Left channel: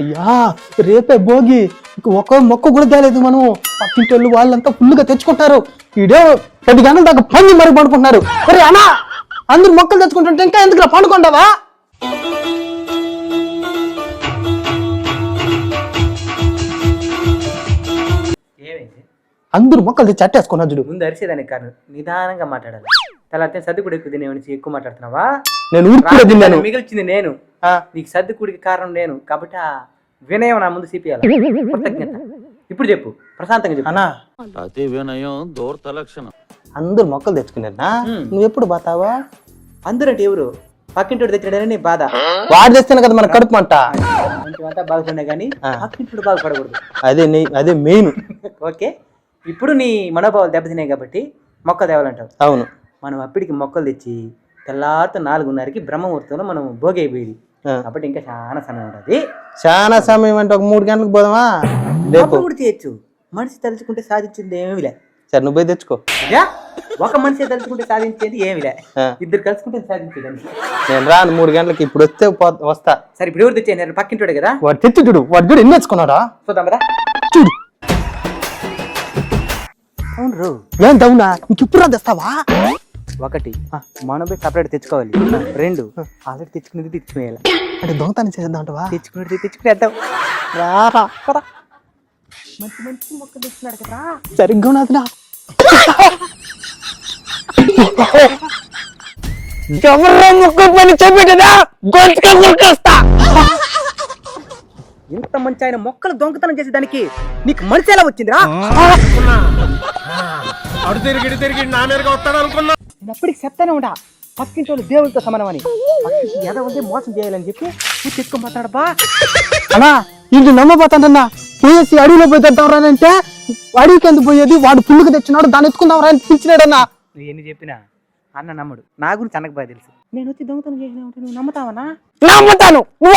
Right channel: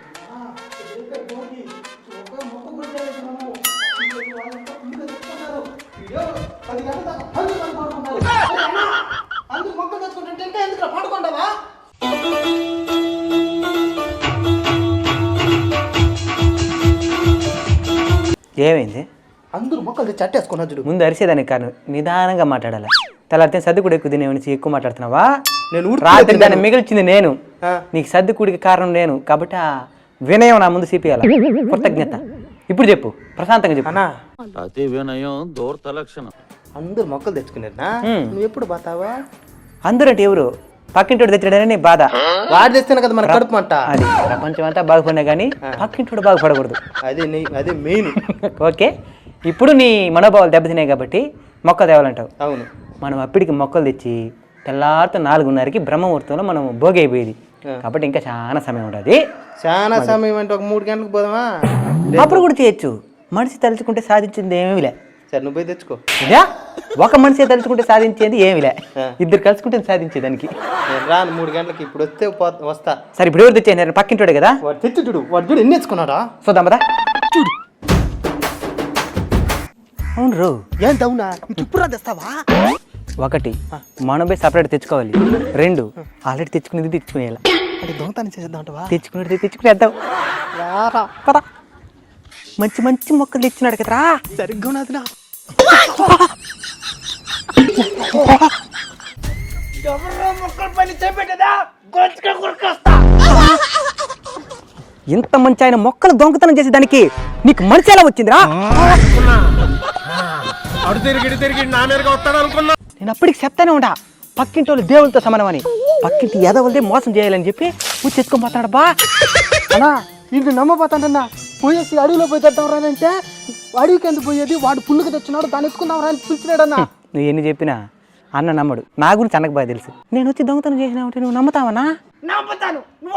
అయ్యా రేపే భోగి ఒక మొక్క కూడా తేలేదు మనం పక్కింటి వాళ్ళంతా ఫుల్గా తెచ్చుకుంటారు. ఈడే 10 గంటల దాకా పని మరి పండుకుంటున్నారు. అరే అన్నా అందరు మొక్కలు తెచ్చుకుంటుంటే ఇంకా ఎందుకు పండుకుంటావా? ఏమైంది? అందరు మొక్కలు తెచ్చి అట్టేసుకున్నా చూడు. ముందు అరిసేదానికి కారణం నిదానంగా మాట్లాడాలి. తెల్లారితే సర్ది కూడా ఎక్కువ తినేవని ఎక్కువ మాట్లాడుతున్నావా? నేను మిగిలిచింది నేను, నీకు సర్ది కూడికి కారణం నేను కాబట్టి ఆ వినయం నా ముందు చూపియాలి. కృతజ్ఞత. ఇప్పుడు చెప్పు, ప్రశాంతంగా చెప్పు. అన్నా అతి వినయం దూరత లక్షణం. అందరు మొక్కలు తెచ్చుకున్నారా? నువ్వు ఎప్పుడు పోతావా? అందరూ అంటే ఎవరు? పక్కింటోడు తెచ్చాడని నీ బాధ. వాడు తెస్తేనే కదా మన కడుపు అంట. కొంచెం అంతా బాగుపడినా కానీ పక్కింటోడు బాగుపడకూడదు. అదే మెయిన్. ఓకే, ఇప్పుడు నీ మనోభావాలు దెబ్బతిన్నాయి కాబట్టి మొక్క తేవాలంటావు. అవును. మనం అప్పటికి మొక్కలు తెచ్చి తెల్లారితో 4:30కి బ్రహ్మముహూర్తంలో మనం భోగి అయిపోయేది కాబట్టి ఇంకా చాలా సమయం ఉండదు. చాలా సమయం అంటే ఒక 3 గంటలకు పోదామా? అప్పుడు కూడా చేయొచ్చు. మనిషి తలుచుకుంటే సాధించింది ఏమీలే. సరే నువ్వు పోయి తెచ్చుకో. ఒక మనిషి తలుచుకుంటే సాధించేది ఏమిలే, ఇద్దరు కలుసుకుంటే సాధించేదానికి. నేను రాను 3 గంటలకి. ఇప్పుడు వస్తే వస్తా. సరే ఇప్పుడు ఎవరు తెచ్చాను? పక్కింటోడు కదా. వాడు తెచ్చి చూడు, వాడు చూడు ఎన్ని తెచ్చుకున్నాడా. చూద్దాం కదా. చూడు. అవును ఏం దౌనా ఇంకిప్పుడు తెస్తావా? 1 మనం పోయి సపరేట్ తెచ్చుకోవాలి. 2 ఆల్రెడీ తెచ్చుకునేది తెచ్చుకునేయాలి. అంటే దొంగతనం చేద్దాం అంటవా? తెచ్చుకునేది తెచ్చుకునేద్దాం. కదా మంచి మంచి మొక్కలు తెచ్చినాడు కదరా. సరిగ్గా ఉన్నదినా. ఇంత మంచి ఆయన మొక్కలు దొంగతనం చేసేదానికి నీకు మనిషి ఎలా వచ్చిందిరా? నేను అప్పటికి చెప్తానే ఉంటా, పక్కింటి వాళ్ళు దేవులతో సమానం అని. పక్కింటి ఎదవలదే మోసం చేయాలని చెప్పి పూజ తెచ్చుకోబోతున్నాడు బా. అన్నా ఇంటి నమ్మబోతాడన్నా. పోయేసి అడవిలో పోయి తెద్దాంరా అంటే అడవికి ఎందుకు పోయేది? వాడు పుల్లుకు తెచ్చినాడు, దాన్ని ఎత్తుకుందాంరా అని పిలిచినాడన్నా. నువ్వు ఎన్ని చెప్పినా అన్న నమ్మడు. నా గురించి అన్నకు బాగా తెలుసు. నేను వచ్చి దొంగతనం చేసినావంటే నువ్వు నమ్ముతావనా? నమ్ముతాను. నువ్వు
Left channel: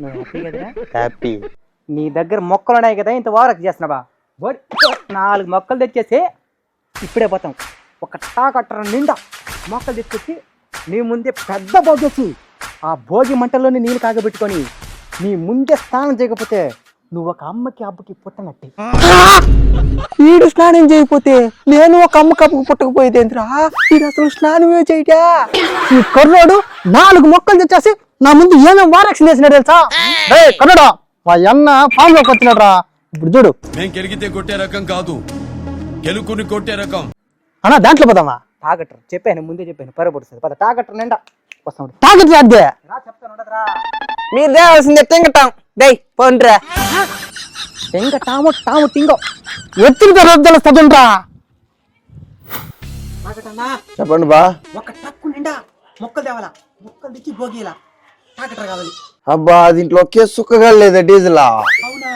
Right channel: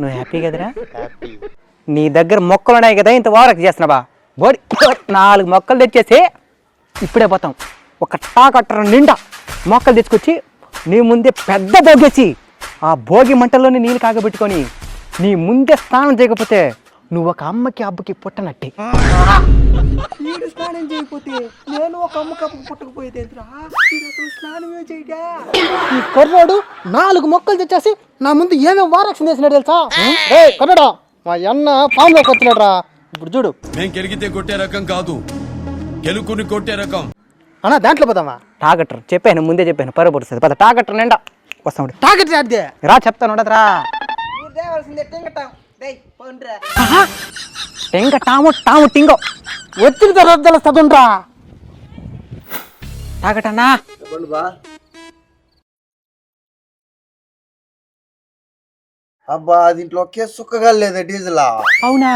నువ్వు హ్యాపీ కదరా? హ్యాపీ. నీ దగ్గర మొక్కలు ఉన్నాయి కదా, ఇంత ఓవరాక్షన్ చేస్తున్నావా? బోడి 4 మొక్కలు తెచ్చేసి ఇప్పుడే పోతాం. ఒక టాకట్టర్ నిండా మొక్కలు తెచ్చుకొచ్చి నీ ముందే పెద్ద భోగేసి ఆ భోగి మంటల్లోనే నీళ్ళు కాగబెట్టుకొని నీ ముందే స్నానం చేయకపోతే నువ్వు ఒక అమ్మకి అబ్బకి పుట్టనట్టే. వీడు స్నానం చేయకపోతే నేను ఒక అమ్మకి అబ్బకి పుట్టకపోయేదేంద్రా? వీడు అసలు స్నానమే చేయటా. ఈ కర్రోడు 4 మొక్కలు తెచ్చేసి నా ముందు ఏమేమి వారక్షణ చేసినాడు తెలుసా? కర్రోడా మా అన్న ఫామ్ లోకి వచ్చినాడు రా. ఇప్పుడు చూడు, నేను గెలిగితే కొట్టే రకం కాదు, గెలుకుని కొట్టే రకం. అన్నా దాంట్లో పోదామా? టాకట్టర్ చెప్పాను, ముందే చెప్పాను, పరపడుతుంది పద. టాకట్టర్ నిండా వస్తాడు. తాకట్టు అదే రా చెప్తాను ఉండదురా. మీరు దేవాల్సిందే తింగటాం. దై పోండ్రా. టాము టింగో ఎత్తుకుతే రేపు తెలుస్తుండ్రా. తాకటన్నా చెప్పండి బా. ఒక టక్కు నిండా మొక్కలు తేవాలా. మొక్కలు తెచ్చి భోగిలా. టాకటర్ కావాలి. అబ్బా దీంట్లో ఒకే సుక్కగా లేదా డీజిల్? అవునా?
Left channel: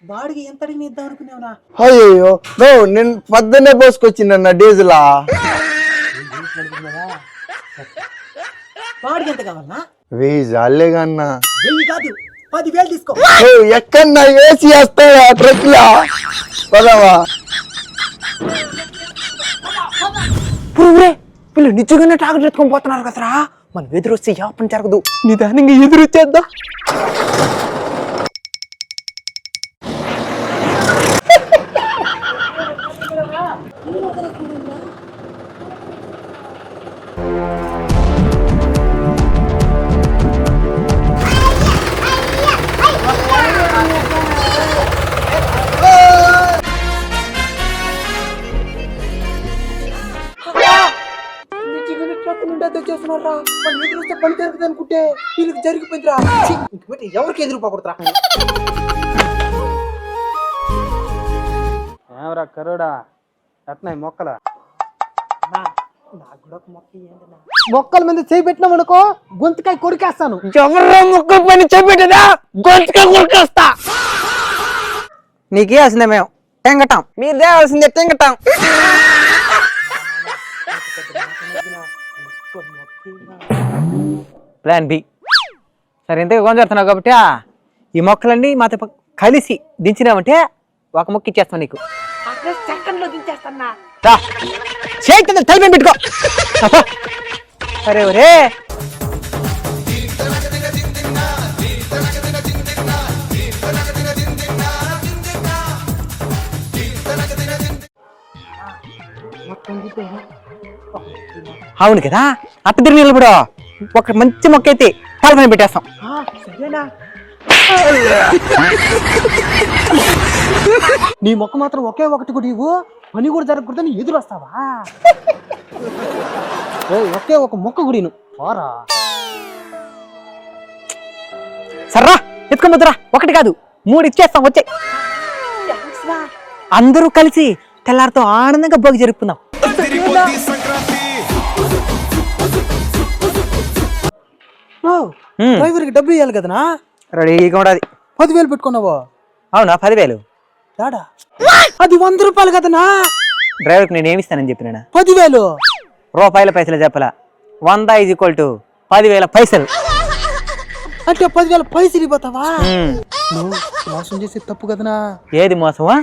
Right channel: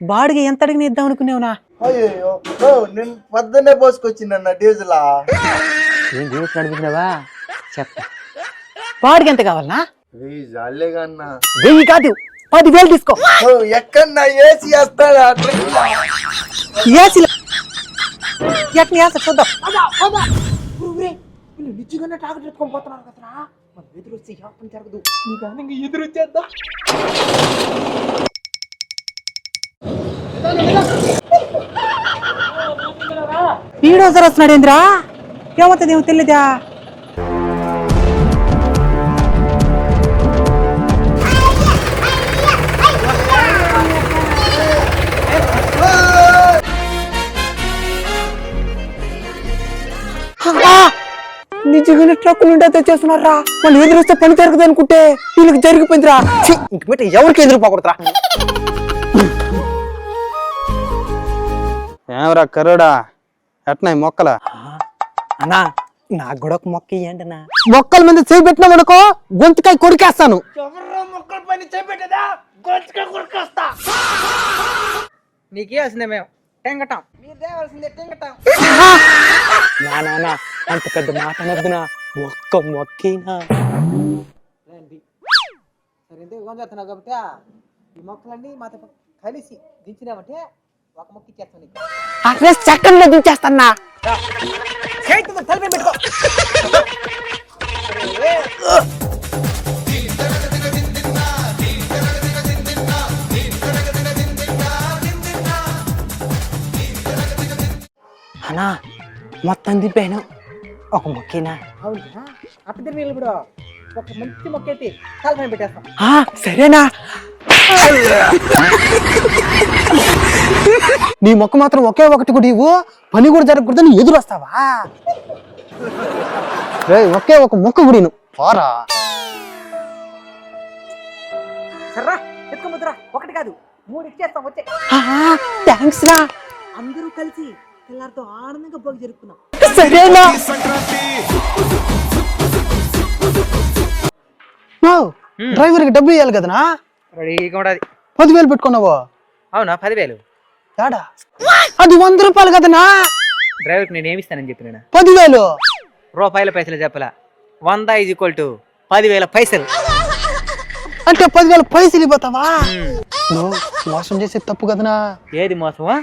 బాడిగ ఎంత అడిగిన ఇద్దాం అనుకునేవునా? అయ్యో నేను పొద్దున్నే పోసుకొచ్చిందన్న డీజిల్. నడుపుతున్నావా? చెప్తా. బాడిగ ఎంత కావాలనా? 1000 జాలేగా అన్న. 1000 కాదు, 10,000 తీసుకో. ఎక్కడన్నా ఏసీ వేస్తాయా ట్రక్ లో? చూద్దాం. వీళ్ళు నిజంగానే టాకట్ ఎత్తుకొని పోతున్నారు కదరా. మనం ఎదురొస్తే ఏ పని జరగదు. నిదానంగా ఎదురొచ్చేద్దాం. ఈడోసారి వస్తున్నాడు ఏంద్రా? ఏమవుతుంది ఏమో తెలియదా? నిజంగానే ట్రక్కులు ఉంటే తెచ్చేస్తున్నారా? వాళ్ళు ఎదురొస్తే పని జరగదు అనుకుంటే వీళ్ళకి జరిగిపోయిందిరా. ఇంక పెట్టి ఎవరికి ఎదురుపోకూడదురా. ఏమరా కరోడా ఎట్నా మొక్కల? అన్నా నాకు కూడా ఒక మొక్క ఇయ్యండినా. మొక్కల మీద చేపెట్టినా అనుకో గొంతుకాయ కొరికేస్తాను. ఎవరో మొక్కల పైన చేపెట్టదా గొంతుకాయ కొరికేస్తా. నీకే వస్తుందే మేము టెంగటం, మీరు దేవాల్సిందే టెంగటం. అంత పెద్ద మాట నొద్దునా, ఒక్క మొక్కినా. Plan B. సరే ఇంతగా కొంచెడుతున్నావు కాబట్టి ఈ మొక్కలన్నీ మాతో కలిసి దించినామంటే ఒక మొక్క ఇచ్చేస్తాను నీకు. అట్లే సెకండ్లో దించేస్తానా. చేతి తలపై పెట్టుకో. సరే ఒరే అన్నా మొత్తం దింపాను ఒక మొక్కేనా? అవును కదా, అట్ట తిరిగి నిలబడు. ఒక మంచి మొక్క అయితే తలపని పెట్టేస్తాం. సరేనా? నీ మొక్క మాత్రం ఒకే ఒకటి కూడా ఇవ్వు, పని కూడా జరగకూడదని ఎదురు వస్తావా? ఒకే ఒక మొక్క కూడా పోరా. సర్రా ఎత్తుకోమొద్దురా, ఒకటి కాదు 3 ఇచ్చేస్తాం. వచ్చే థ్యాంక్స్ రా. అందరూ కలిసి తెల్లారితో ఆనందంగా భోగి జరుపుకుందాం. డ్రైవర్కి డబ్బులు ఇవ్వాలి కదనా? రెడీగా ఉండాలి. 10,000 పెట్టుకున్నావు. అవునా? 10,000 ఏడా? అది 100 రూపాయలు కదనా? డ్రైవర్కి నేను ఏమిస్తానని చెప్పినా? 10,000 రూపాయల పైసలు చెప్పలా. 100 = 10,000 పైసలు. అంటే 10,000 పైసలు ఇవ్వతావా? మోసం చేసే తప్పు కదనా? ఏది మోసమా?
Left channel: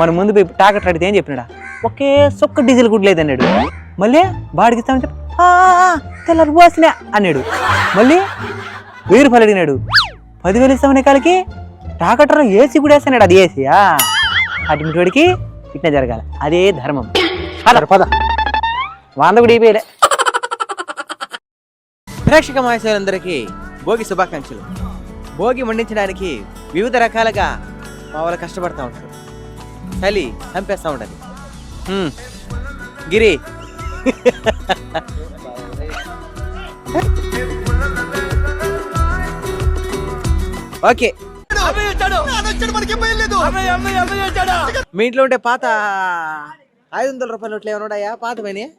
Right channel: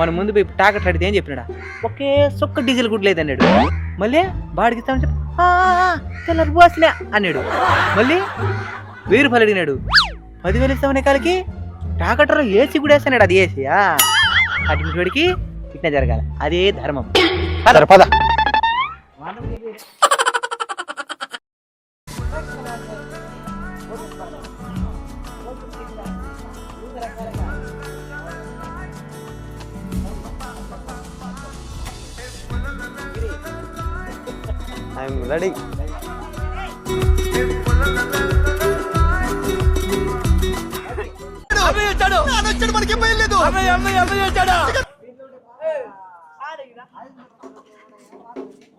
మన ముందు పోయి టాకెట్ అడిగితే ఏం చెప్పినాడా? ఒకే సొక్క డీజిల్ కూడా లేదన్నాడు. మళ్ళీ బాడికి ఇస్తామని చెప్పి తెల్లారు పోసినా అన్నాడు. మళ్ళీ 1000 రూపాయలు అడిగినాడు. 10,000 ఇస్తామనే కాలికి టాకెట్లో ఏసీ కూడా వేస్తాడు. అది ఏసీయా? అటువంటి వాడికి ఇట్లా జరగాలి. అదే ధర్మం. పద 100 కూడా ఇవ్వలే. ప్రేక్షక మహేశ్వరులందరికీ భోగి శుభాకాంక్షలు. భోగి మండించడానికి వివిధ రకాలుగా మా వాళ్ళు కష్టపడతా ఉంటారు. చలి చంపేస్తూ ఉంటుంది. గిరి రెడీ. ఓకే, మీ ఇంట్లో ఉంటే పాత 500 రూపాయల నోట్లు ఏమైనా ఉన్నాయా? పాత పోయినాయా?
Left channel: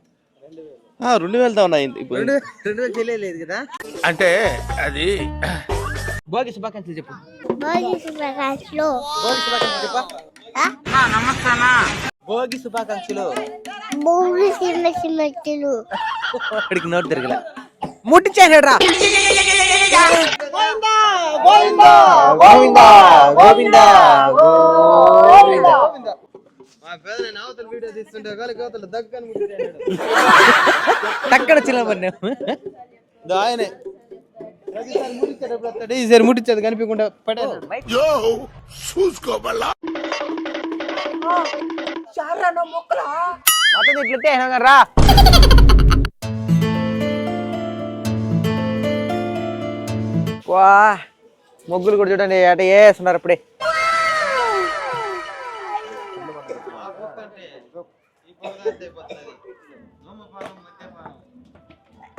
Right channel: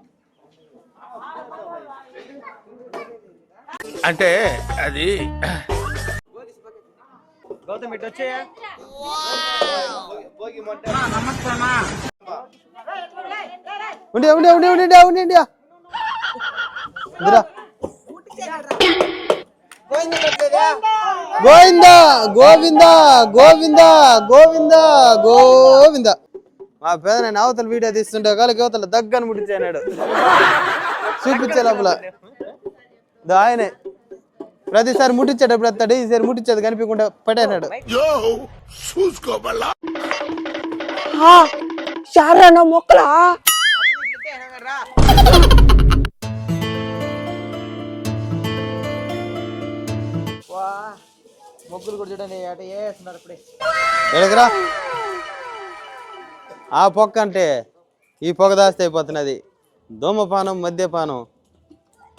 2,000 ఉన్నాయి ఇప్పుడు. 2,000 తెలియలేదు కదా. అంటే అది భోగి శుభాకాంక్షలు చెప్పు. భోగి శుభాకాంక్షలు. ఇక్కడికి నోట్ తిరిగి ముట్టించాడు రా. గోవిందా గోవిందా గోవిందా గోవిందా గోవిందా. మా పేద నేను అవతల వీడియో తీస్తుంటే కాళ్ళకి అవతల దగ్గర ముట్టించాడు ఆయనే. ప్రతిసారి ముట్టించేటప్పుడు వస్తాడు, ఈసారి ముట్టించేది కనిపించకుండా పడేనాడు. మొక్కలా రా. వా ముగ్గులు కూడా చూడండి అట వేస్తున్నారు అప్పుడే. ఆ పొక్క అంటే ఈ పొగ దాస్తే అయిపోతున్నది. ధూమపానం మద్యపానం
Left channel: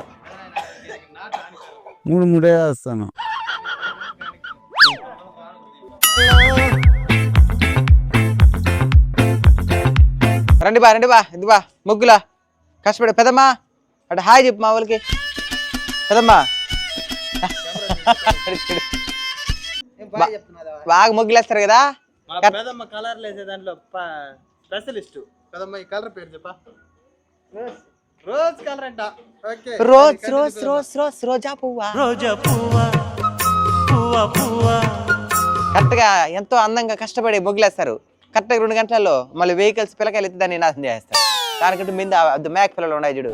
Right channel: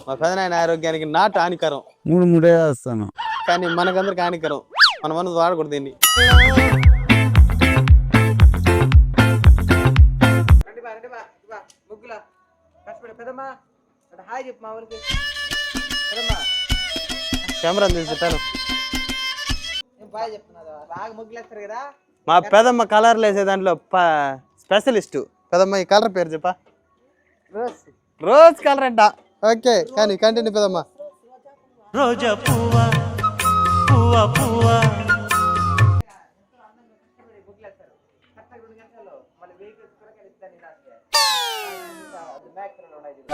మా పెదనాయన ఆరోగ్యానికి నాటు హానికరం. 3 వేస్తాను కానీ మనకందరికి హానికరం. మనం అన్నది వాడకూడదు దీన్ని. రండి బా ఇది బా ముగ్గులా కష్టపడి. పెదమ్మా అటు హాయ్ చెప్పు మా వాళ్ళకి. పెదమ్మా కెమెరా బాగా ముగ్గులు వేస్తారు కదా. మా పెదమ్మ కలర్లు వేసే దాంట్లో స్పెషలిస్ట్. పెదమ్మ ఈ కలర్ పేరు చెప్పా. రోజ్ కలర్ అంట. ఓకే, రోజా పువ్వా. కరెక్ట్ గా ఎంతో అందంగా కష్టపడి ముగ్గులేస్తారు. కరెక్ట్ గా 2 గంటలలో మళ్ళీ వెహికల్స్ పిల్లకాయలు ఎత్తి దాన్ని నాశనం చేస్తారు. దానికంటే మీద మేక పిల్లలు ఉన్నాయి చూడు,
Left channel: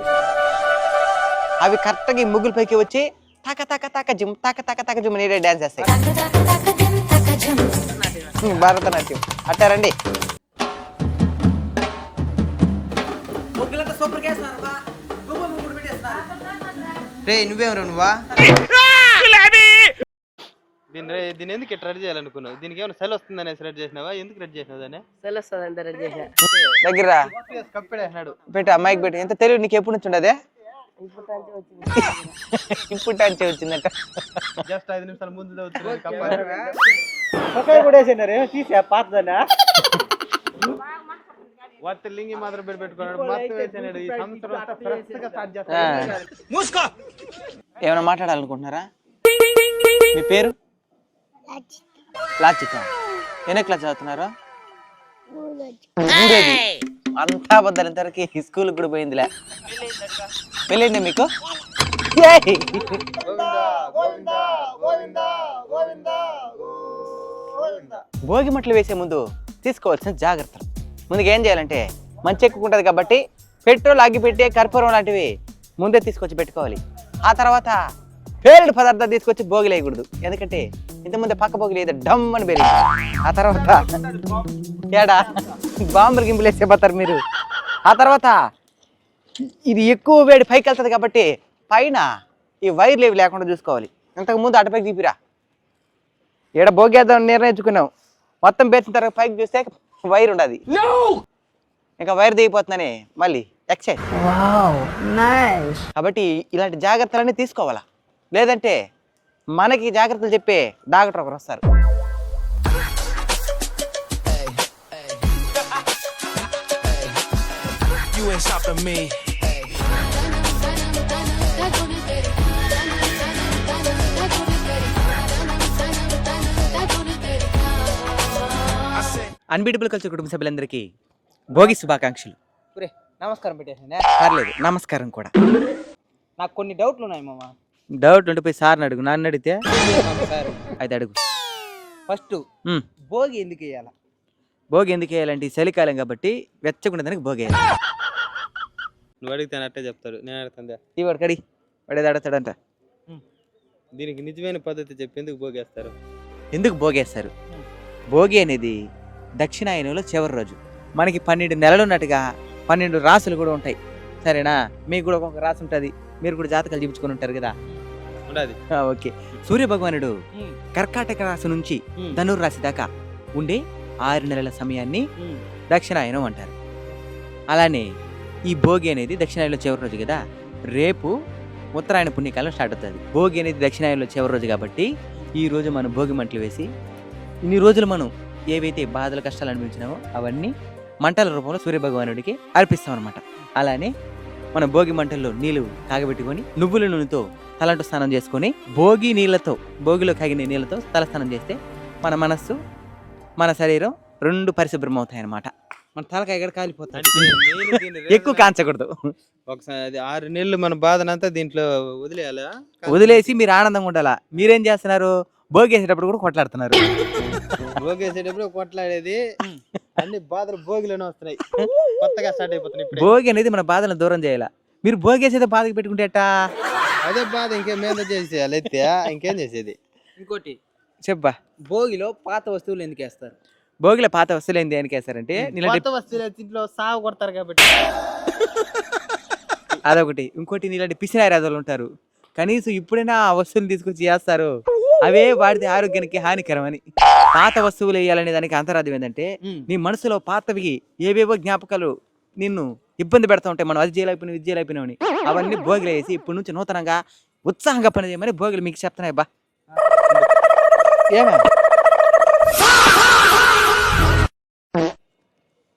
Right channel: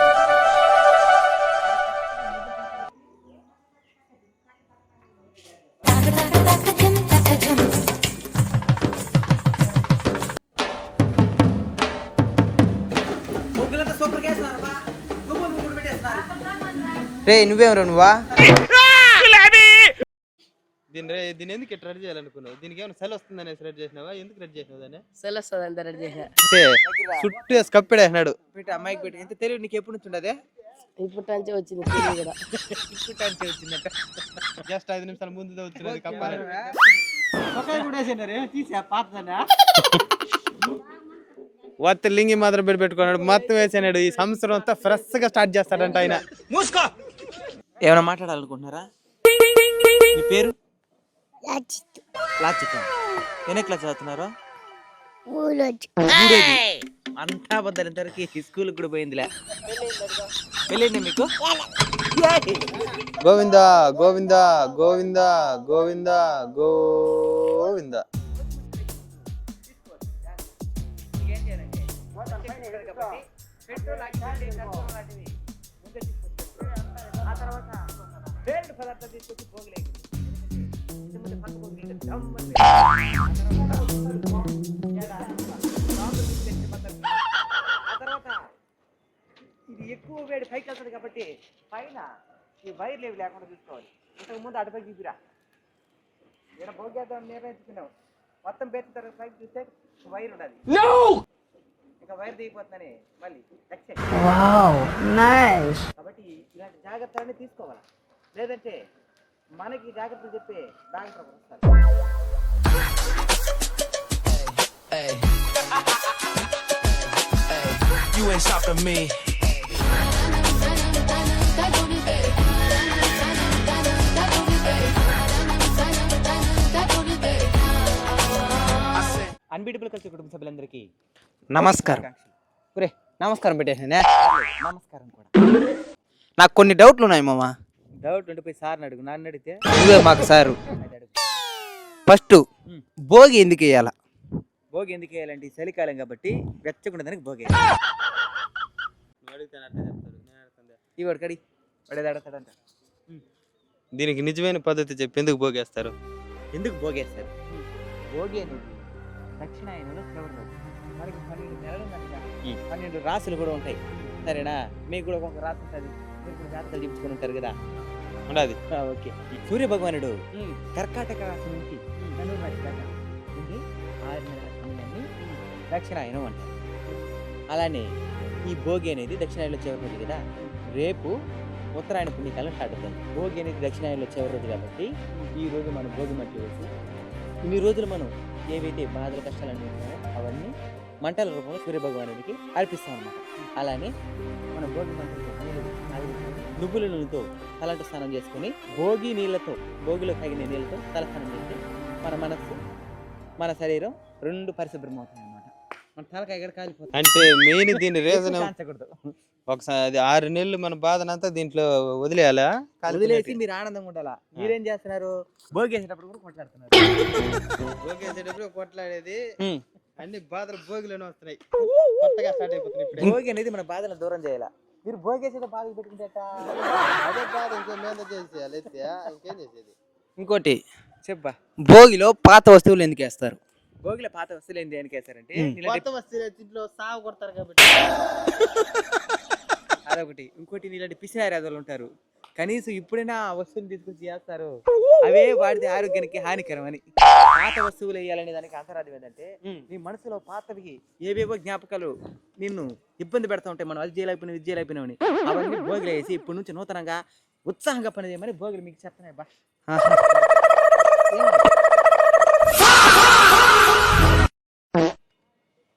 అవి కరెక్ట్ గా ఈ ముగ్గుల పైకి వచ్చి తక తక తక జిమ్ తక తక తక జిమ్ నీడే డాన్స్ చేస్తాయి. భరతనాట్యం అట్టారండి. రే నువ్వేమరా నువ్వా? దీన్ని ఎందుకు ఇట్లా రెడీ చేయాలనుకున్నావు? దీనికి ఏమైనా సెల్ వస్తుంది అనేసి రెడీ చేసినావా? ఎందుకు రెడీ చేసినావు దాన్ని? దగ్గర చుట్టూ వేసి కప్పిడేసినాడు. పెట్టి అమ్మాయికి పెట్టి. ఎంత తెలియదు నీకు ఎప్పుడు నుంచి ఉండదే? ఇప్పుడు వచ్చింది. ఇప్పుడు అంటే వచ్చిందట. జస్ట్ 5 నిమిషాల ముందు వత్త లింగి మాత్రం పెట్టుకున్నాడు. మొత్తం వేసాడు. ఈ సంవత్సరం అంతా ఫ్రెష్ గా స్టార్ట్ చేస్తాడంట ఆయన. ఏమైనా మాట్లాడాలనుకుంటున్నారా? మీ పేరు? లాచిత. ఎన్ని క్లాస్ చదువుతున్నారా? అంతా బద్దలంతవరకు స్కూల్ కూడా పోయిందిలే. వెళ్ళండి మీకు. గోవిందా గోవిందా గోవిందా గోవిందా గోవిందా. భోగి మట్లు వేసే ముందు తీసుకోవాల్సిన జాగ్రత్తలు. ముందుగా ఏం చేయాలంటే మంచి ఎక్కుంటుంది కాబట్టి పెట్రోల్ అగ్గిపెట్టే కర్పూరం లాంటివి ముందే తీసుకొచ్చి పెట్టుకోవాలి. ఆ తర్వాత పేలుడు పదార్థాలు తీసుకొచ్చి భోగిలు వేయకూడదు. ఎందుకంటే ఇంతకుముందే పక్క భోగిలు ఏదో డమ్ అని పేరు. ఆ తర్వాత ఏడా బాంబులు గింపులు వేసేపోతారు మీరు. ఆ తర్వాత ఇది ఎక్కువ వేడి పైకి వెళ్తుంది కాబట్టి పైన ఈ వైర్లు ఏవి లేకుండా చూసుకోవాలి. ఇంతకుముందు అటుపైకి తీపిరా. ఏడ భోగేద్దాం నిర్ణయించుకున్నాం. మొత్తం పేర్చిన తర్వాత పైకి చూస్తే వైర్ ఉండదు. ఇంకా వైర్ దిగిపోతుందని మళ్ళీ ఎక్సైజ్. కాబట్టి ఇలాంటి జాగ్రత్తలన్నీ తీసుకోవాలా. లేదంటే మనకి జాగ్రత్తలు చెప్పే డాక్టర్ ఒకరు వస్తారు. You ain't stopping me. Unbeatable culture కుటుంబ సభ్యులందరికీ భోగి శుభాకాంక్షలు. నమస్కారం పెట్టేసానే. పర్లేదు, నమస్కారం కూడా. నాకు కొన్ని డౌట్లు ఉన్నాయి మామ. డౌట్ ఉంటే పోయి సార్ని అడుగు. నన్ను అడిగితే మాకు సారు అయితే అడుగు. ఫస్ట్ భోగి ఎందుకు వేయాల? భోగి ఎందుకు వేయాలంటే ఈ చలికాలం కాబట్టి వెచ్చకుండా దానికి భోగి వేయాలి. నువ్వు అడిగితే అట్టే చెప్తాడు, నేను అడుగుతుందా? ఈ వాడు కడి వాడేది అడుగుతాడంట. దీనికి నిజమైన పద్ధతి చెప్పి ఎందుకు భోగేస్తారు? ఎందుకు భోగేస్తారు? భోగి అనేది దక్షిణాయనంలో చివరి రోజు. మనకి 12 నెలలు ఉన్నట్టుగా 12 రాసులు కూడా ఉంటాయి. సరేనా? మీకు కూడా ఒక్కొక్క రాసి ఉంటుంది. మీరు కూడా జాతకాలు చూపించుకొని ఉంటారు కదా. ఉన్నది. ఓకే. సూర్య భగవానుడు కర్కాటక రాశి నుంచి ధనుర్ రాశి దాకా ఉండే 6 నెలల సమయాన్ని దక్షిణాయనం అంటారు. అలానే ఈ భోగి అనేది దక్షిణాయనంలో చివరి రోజు కదా. రేపు ఉత్తరాయణ పుణ్యకాలం స్టార్ట్ అవుతుంది. భోగి అనేది దక్షిణాయనంలో చివరి రోజు కాబట్టి ఈ రోజు మనం భోగి మంటలు వేసి ఇన్ని రోజులు మనం ఏవైతే బాధలు కష్టాలు అనిపించినామో అవన్నీ మంటల రూపంలో సూర్యభగవానుడికి అర్పిస్తాం అనమాట. అలానే మన భోగి మంటల్లో నీళ్లు కాగబెట్టుకొని నువ్వుల నూనెతో తలంటు స్నానం చేసుకొని భోగి నీళ్ళతో భోగిలో కాగిన నీళ్ళతో తలస్నానం చేస్తే మన మనస్సు మన శరీరం 2 పరిశుభ్రం అవుతాయి అనమాట. మన తలకాయ ఎక్కడ కాలిపోతుంది. అంటే మెయిన్ దీని ఎక్కువ కాంచకూడదు. ఒకసారి 6 నెలలు మన బాధనంతా దీంట్లో వదిలేయాలా? వదిలేసి మీరు ఆనందంగా ఉండాలా. మీరేం చేస్తున్నారు? భోగి వేసేటప్పుడు కూడా కొట్లాడుతున్నారు. భోగేసేటప్పుడు కొట్లాడేది అన్ని బాధలు భోగిలోనే వస్తున్నాయి. కొత్తగా స్టార్ట్ అయిపోతున్నాయి ఇప్పుడు. భోగి అనేది మన బాధలను దూరం చేయాలా. మీరు భోగి వేసేదో బాధకి పెట్టుకుంటేటా అదే బాధ ఇంకేం మీద చేసేయాలి. అయితే ఇంకేం చేసేది? ఇంకోటి చెప్పా. భోగిలో పాత వస్తువులు ఎందుకు వేస్తారు? భోగిలో పాత వస్తువులు ఏంది దేనికి వేస్తారంటే నీలాంటి వస్తువులు సాగు కొడతారు కాబట్టి. అదొకటి. ఇంకోటి నీలాంటి పిసినారి రాజులు ఉంటారు. కనీసం ఇప్పుడైనా ఆ వస్తువులు తీసుకొచ్చి చేస్తారు. అవే వాడితే ఆరోగ్యానికి హానికరం అని. పాత వస్తువులు వేయాలనే దానికి అంతరార్థం ఏంటంటే నీ మనసులో పాతవి ఏవేవో జ్ఞాపకాలు నిన్ను ఇబ్బంది పెడతా ఉంటాయి. మనం అది చేయలేకపోయినా ఇది చేయలేకపోయినామని అవన్నీ భోగిలు వేసి ఇప్పటి నుంచి నూతనంగా ఉత్సాహంగా పని చేయమని భోగిలు మీకు చెప్తున్నాయి. బా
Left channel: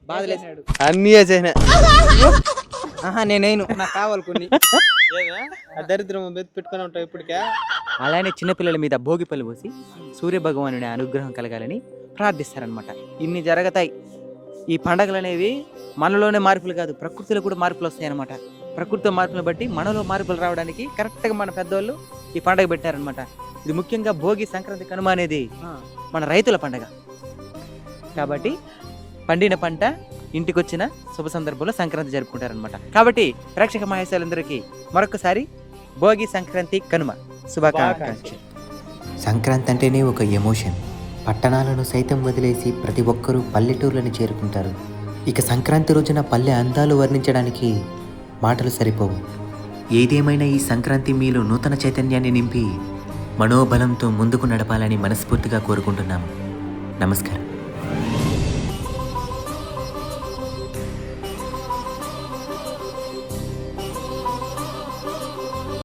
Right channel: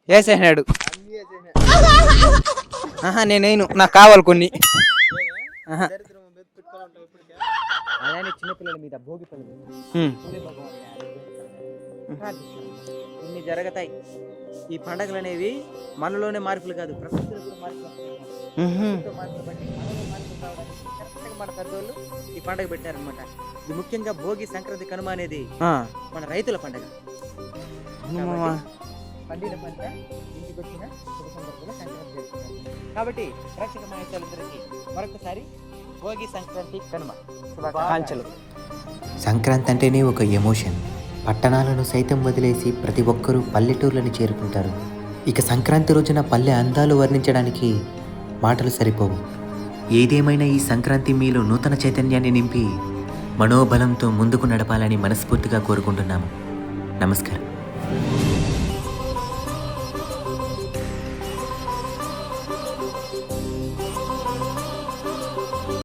వేసేసినాడు. అన్ని వేసేసిన నేనేను నాకు కావాలి కొన్ని. దరిద్రం పెట్టుకుని ఉంటావు ఇప్పటికే. అలానే చిన్నపిల్లల మీద భోగి పళ్ళు పోసి సూర్య భగవానుడి అనుగ్రహం కలగాలని ప్రార్థిస్తారనమాట. ఇన్ని జరుగుతాయి. ఈ పండగలు అనేవి మనలోనే మార్పులు కాదు, ప్రకృతిలో కూడా మార్పులు వస్తాయి అనమాట. ప్రకృతిలో మార్పులు బట్టి మనలో మార్పులు రావడానికి కరెక్ట్ గా మన పెద్దవాళ్ళు ఈ పండగ పెట్టారనమాట. ఇది ముఖ్యంగా భోగి, సంక్రాంతి, కనుమ అనేది మన రైతుల పండగ కాబట్టి పండిన పంట ఇంటికి వచ్చిన శుభ సందర్భంలో సంక్రాంతి జరుపుకుంటారనమాట. కాబట్టి ప్రేక్షక మహేశాలందరికీ మరొకసారి భోగి, సంక్రాంతి, కనుమ శుభాకాంక్షలు. సంక్రాంతి అంటేనే ఒక ఎమోషన్. పట్టణాలను సైతం వదిలేసి ప్రతి ఒక్కరూ పల్లెటూర్లను చేరుకుంటారు. ఇక సంక్రాంతి రోజున పల్లె అందాలు వర్ణించడానికి మాటలు సరిపోవు. ఏదేమైనా ఈ సంక్రాంతి మీలో నూతన చైతన్యాన్ని నింపి మనోబలంతో ముందుకు నడపాలని మనస్ఫూర్తిగా కోరుకుంటున్నాము. నమస్కారం.